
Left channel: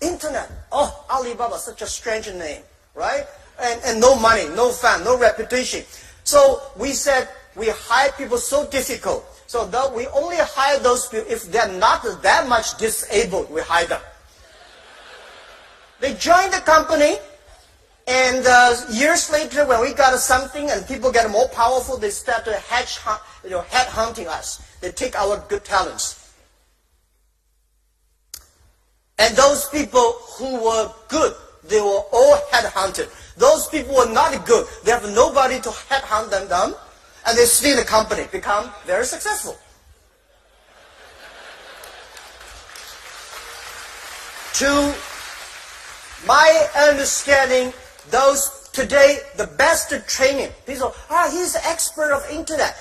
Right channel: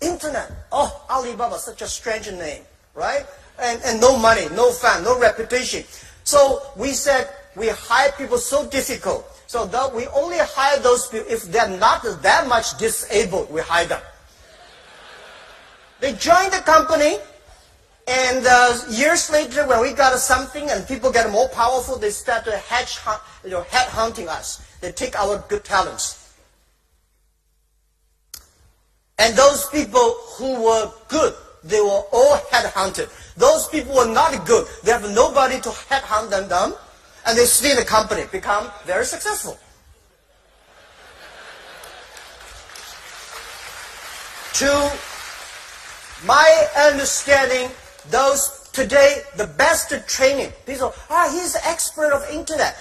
internet, Alibaba, such a strange name, right? And no money, no fun, no reputation. So we said, we hire people so difficult. So that we only hire those people if they're not that much disabled, we hire them. They join the company, and years later, when we got something and people get more powerful, they start to headhunting us. They take our good talents. And those people who were good, they were all headhunted. Those people were not good. They have nobody to headhunt them down, and they stay in the company, become very successful. To my understanding, those today, the best training, people, he's an expert of internet.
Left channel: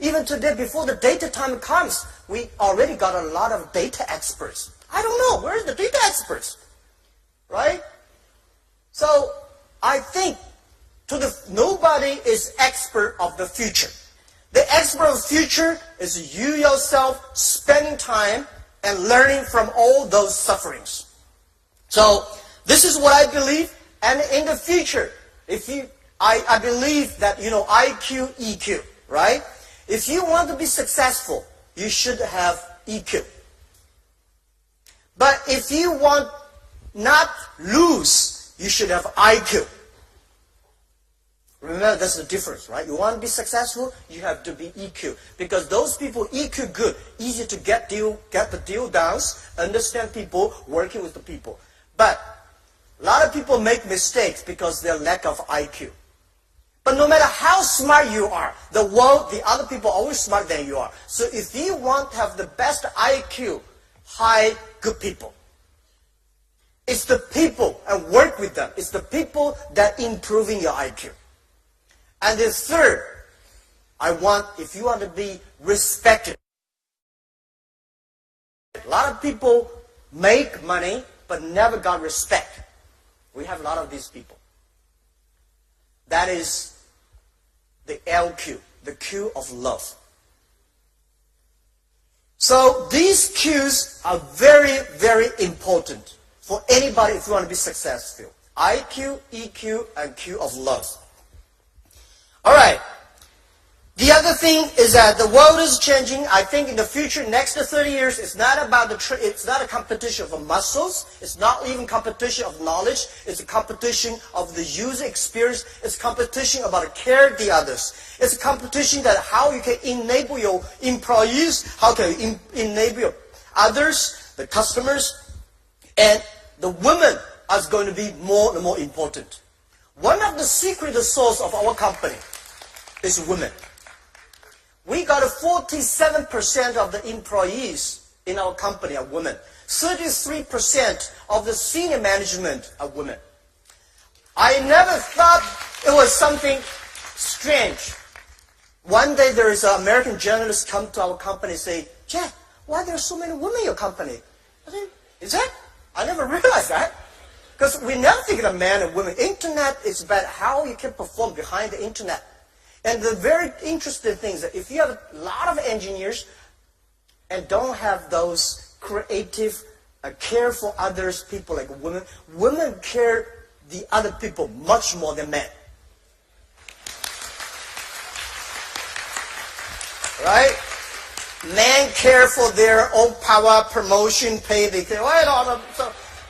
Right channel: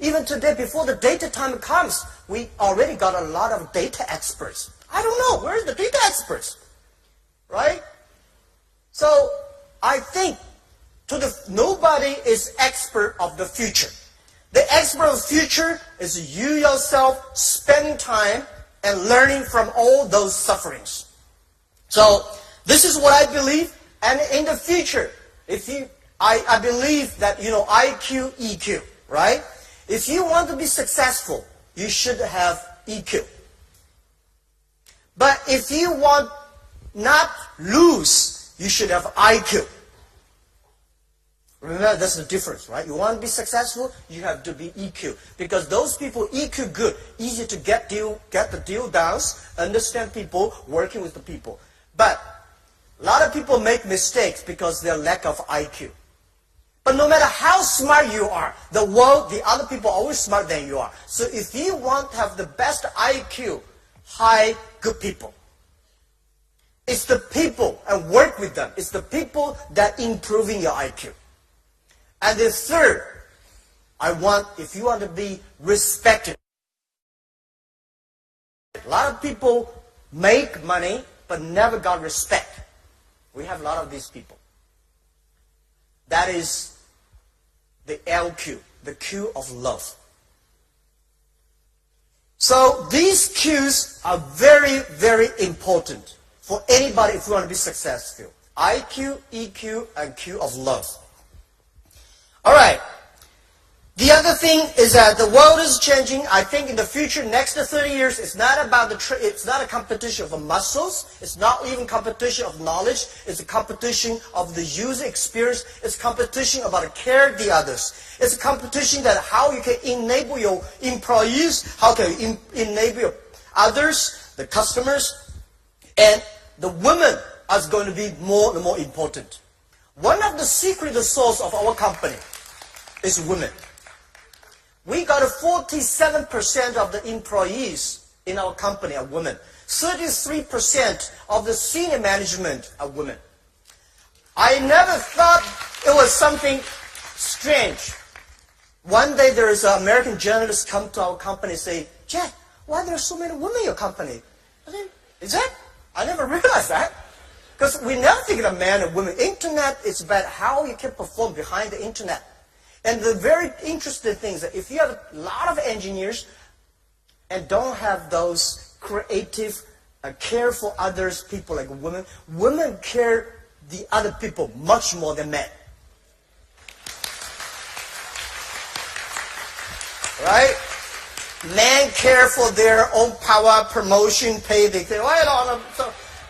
Even today, before the data time comes, we already got a lot of data experts. I don't know, where's the data experts? Right? So, I think nobody is expert of the future. The expert of the future is you yourself spending time and learning from all those sufferings. So, this is what I believe. And in the future, I believe that, IQ, EQ, right? If you want to be successful, you should have EQ. But if you want not lose, you should have IQ. Remember, that's the difference, right? You want to be successful, you have to be EQ. Because those people, EQ good, easy to get the deal done, understand people, working with the people. But a lot of people make mistakes because their lack of IQ. But no matter how smart you are, the other people are always smarter than you are. So if you want to have the best IQ, hire good people. It's the people, and work with them. It's the people that improving your IQ. And the third, if you want to be respected. A lot of people make money, but never got respect. We have a lot of these people. That is the LQ, the Q of love. So these Qs are very, very important for anybody if you want to be successful. IQ, EQ, and Q of love. All right. The other thing is that the world is changing. I think in the future, next to 30 years, it's not about it's not a competition of muscles. It's not even competition of knowledge. It's a competition of the user experience. It's a competition about care the others. It's a competition that how you can enable your employees, how can you enable your others, the customers, and the women are going to be more and more important. One of the secret source of our company is women. We got 47% of the employees in our company are women. 33% of the senior management are women. I never thought it was something strange. One day there is an American journalist come to our company and say, Jack, why are there so many women in your company? I said, is that? I never realized that. Because we never think of men and women. Internet is about how you can perform behind the internet. And the very interesting thing is that if you have a lot of engineers and don't have those creative, care for others, people like women, women care the other people much more than men. Right? Men care for their own power, promotion, pay. They care.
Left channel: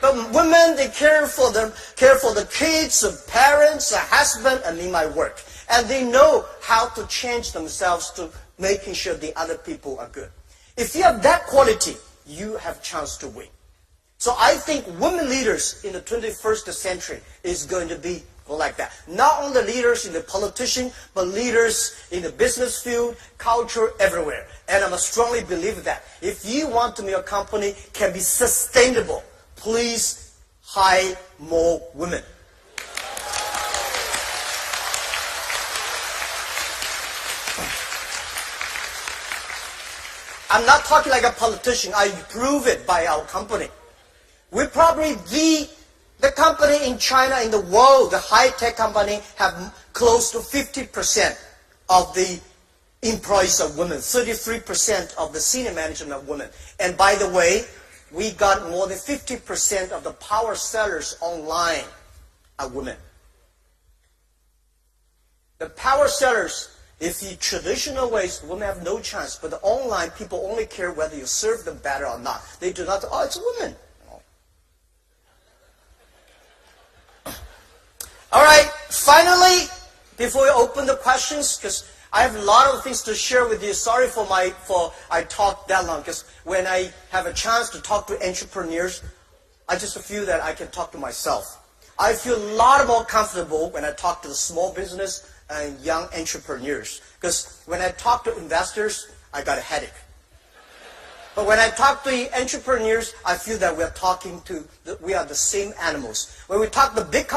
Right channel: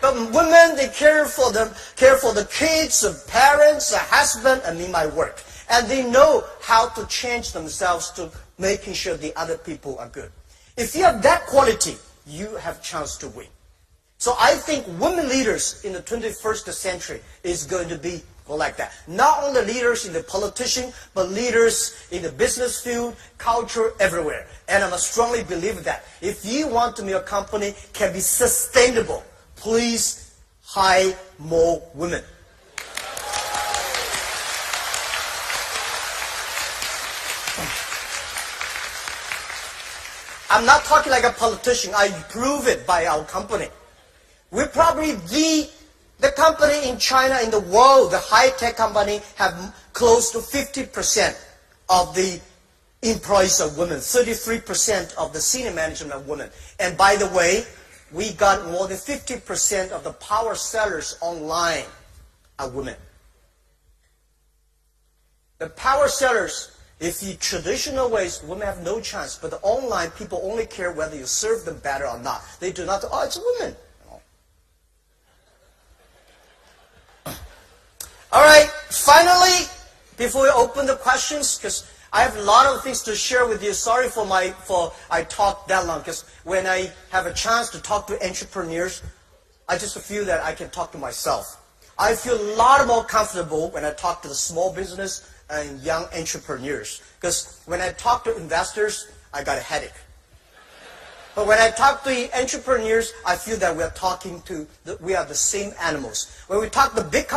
But women, they care for the kids, the parents, the husband, and in my work. And they know how to change themselves to making sure the other people are good. If you have that quality, you have a chance to win. So I think women leaders in the 21st century is going to be like that. Not only leaders in the politician, but leaders in the business field, culture, everywhere. And I strongly believe that. If you want to make your company can be sustainable, please hire more women. I'm not talking like a politician. I prove it by our company. We're probably the company in China, in the world, the high-tech company, have close to 50% of the employees are women. 33% of the senior management are women. And by the way, we got more than 50% of the power sellers online are women. The power sellers, if the traditional ways, women have no chance. But the online, people only care whether you serve them better or not. They do not, oh, it's a woman. All right, finally, before we open the questions, because I have a lot of things to share with you. Sorry for I talked that long, because when I have a chance to talk to entrepreneurs, I just feel that I can talk to myself. I feel a lot more comfortable when I talk to the small business and young entrepreneurs. Because when I talk to investors, I got a headache. But when I talk to entrepreneurs, I feel that we are the same animals. When we talk to big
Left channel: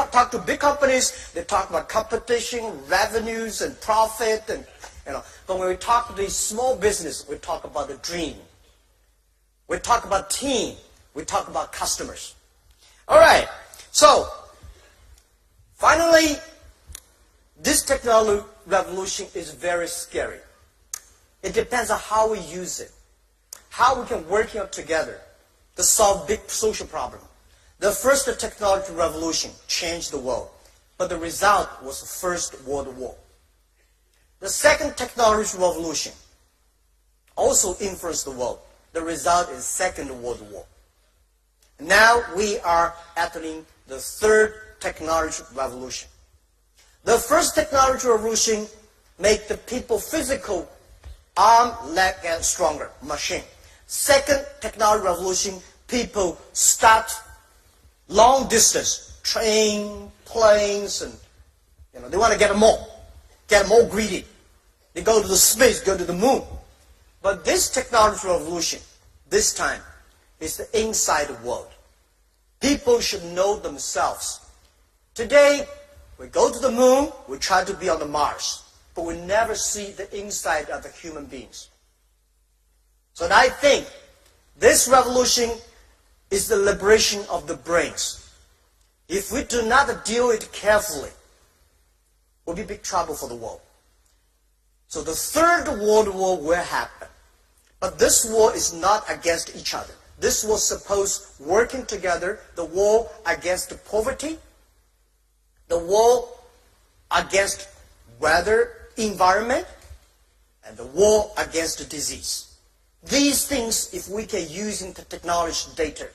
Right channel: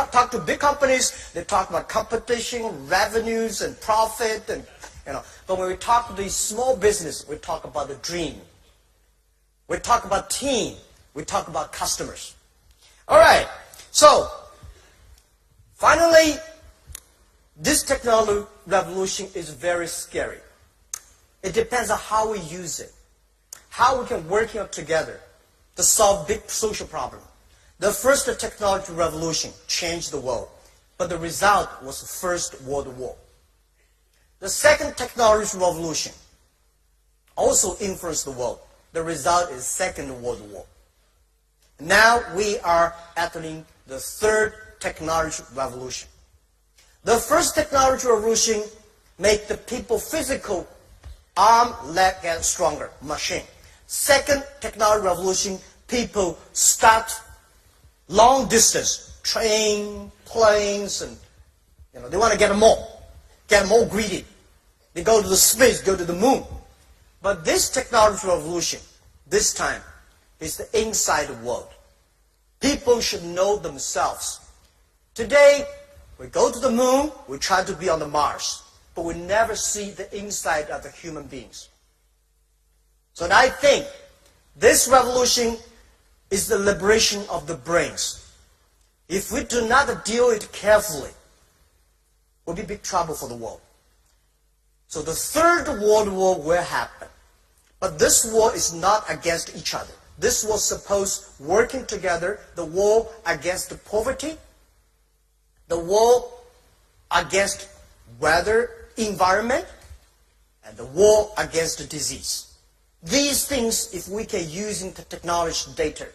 companies, they talk about competition, revenues, and profit, and But when we talk to the small business, we talk about the dream. We talk about team. We talk about customers. All right. So finally, this technology revolution is very scary. It depends on how we use it. How we can work together to solve big social problems. The first technology revolution changed the world, but the result was the First World War. The second technology revolution also influenced the world. The result is Second World War. Now we are entering the third technology revolution. The first technology revolution made the people physical, arm, leg, and stronger, machine. Second technology revolution, people start long distance, train, planes, and they want to get more greedy. They go to the space, go to the moon. But this technology revolution, this time, is the inside world. People should know themselves. Today, we go to the moon, we try to be on the Mars, but we never see the inside of the human beings. So I think this revolution is the liberation of the brains. If we do not deal with it carefully, we'll be in big trouble for the world. So the Third World War will happen. But this war is not against each other. This war supposed working together, the war against the poverty, the war against weather, environment, and the war against the disease. These things, if we can use the technology data,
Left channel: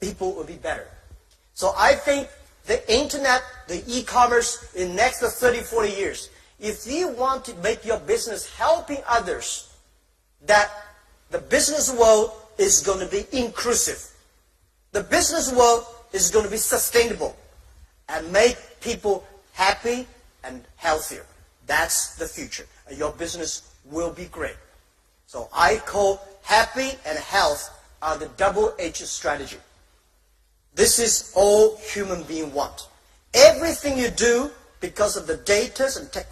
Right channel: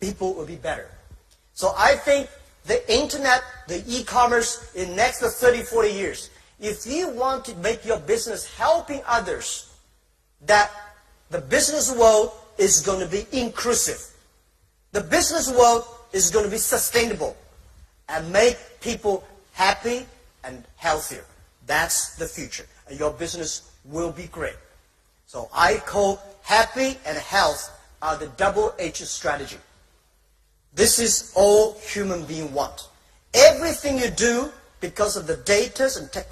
people will be better. So I think the internet, the e-commerce in the next 30, 40 years, if you want to make your business helping others, that the business world is going to be inclusive. The business world is going to be sustainable and make people happy and healthier. That's the future. And your business will be great. So I call happy and health are the double-edged strategy. This is all human beings want. Everything you do because of the data and technology